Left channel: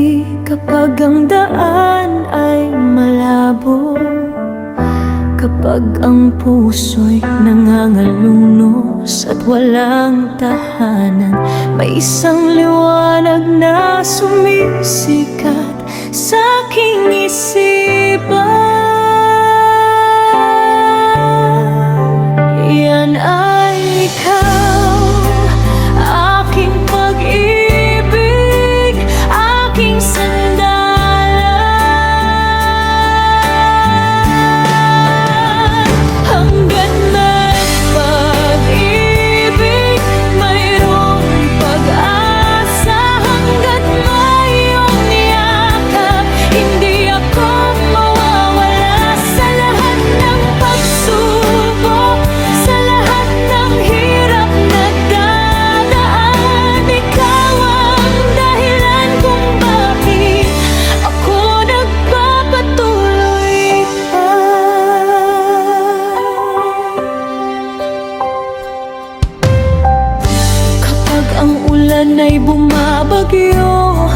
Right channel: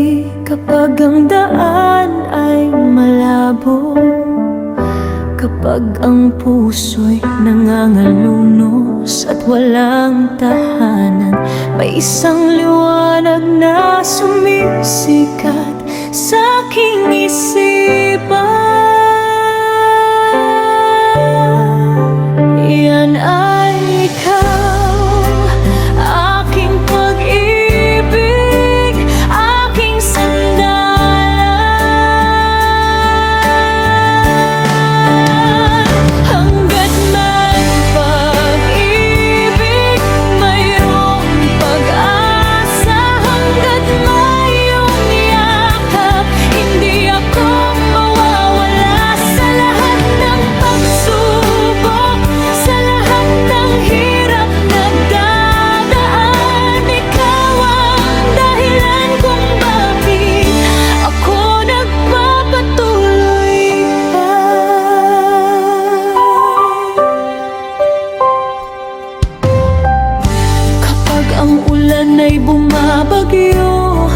gabi kapag ang daan ay malabo, kapag ang puso'y nangangalunos at walang tahanan, may isang liwanag na sumisikat sa aking isipan. Yan ay ikaw, aking pag-ibig, aking sandalan. Hanggat may pag-ibig, mayroong pag-asa. Hanggat may iyong yakap, hindi ako mawawala. Sa lahat ng pagsubok, sa lahat ng hirap na dadaan, ikaw ang dahilan kung bakit ako nagpapatuloy pa. Kapag ang ulan ay bumabagyo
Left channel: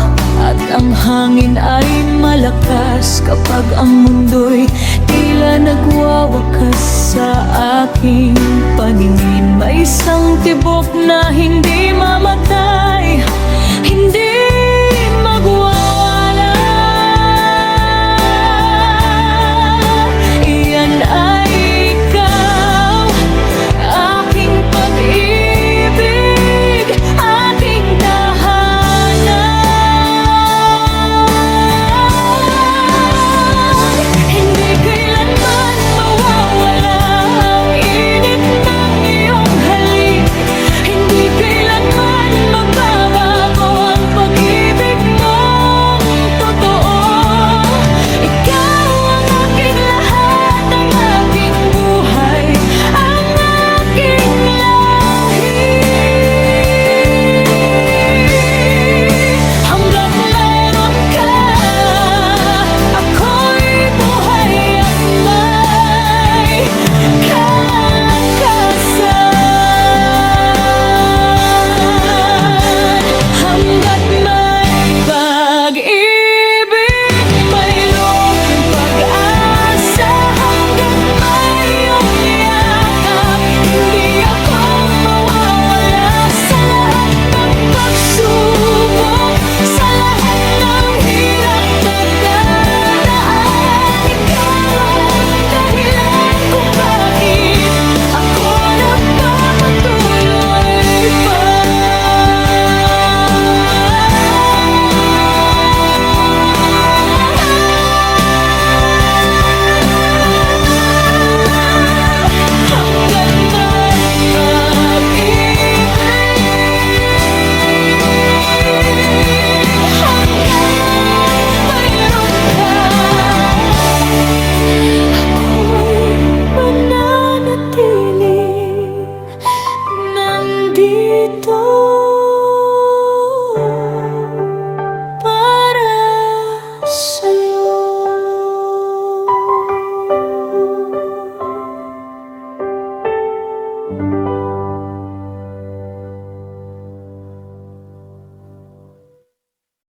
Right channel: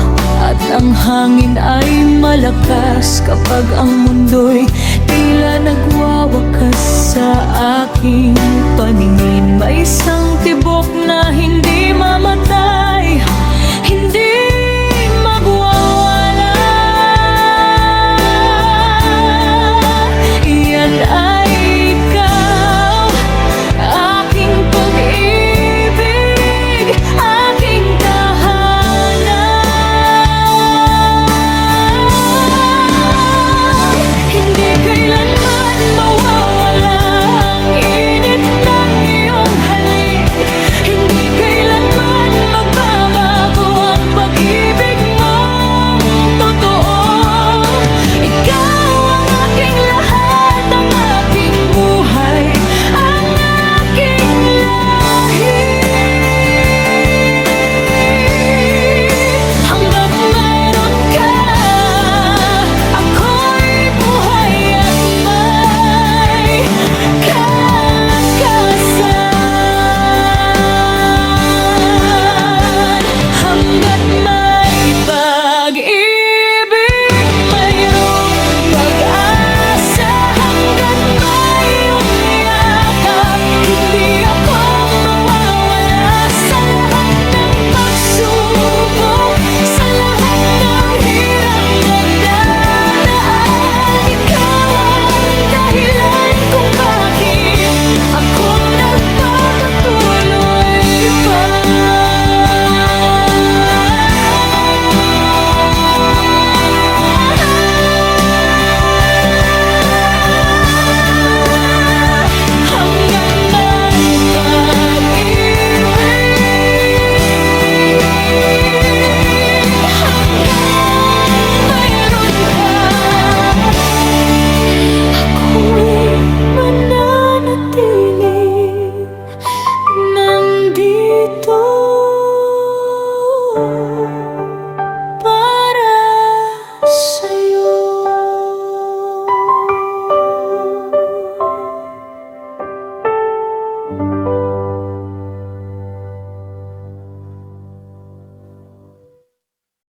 at ang hangin ay malakas, kapag ang mundo'y tila nagwawakas sa aking paningin, may isang tibok na hindi mamatay, hindi magwawala. Iyan ay ikaw, aking pag-ibig, aking tahanan. Hindi kailanman mawawala ang init ng iyong halik, hindi kailanman magbabago ang pag-ibig mong totoo. Ikaw ang aking lahat, ang aking buhay, ang aking lahi. Hanggat mayroon ka, ako'y buhay at may kalakasan. Hanggat may pag-ibig,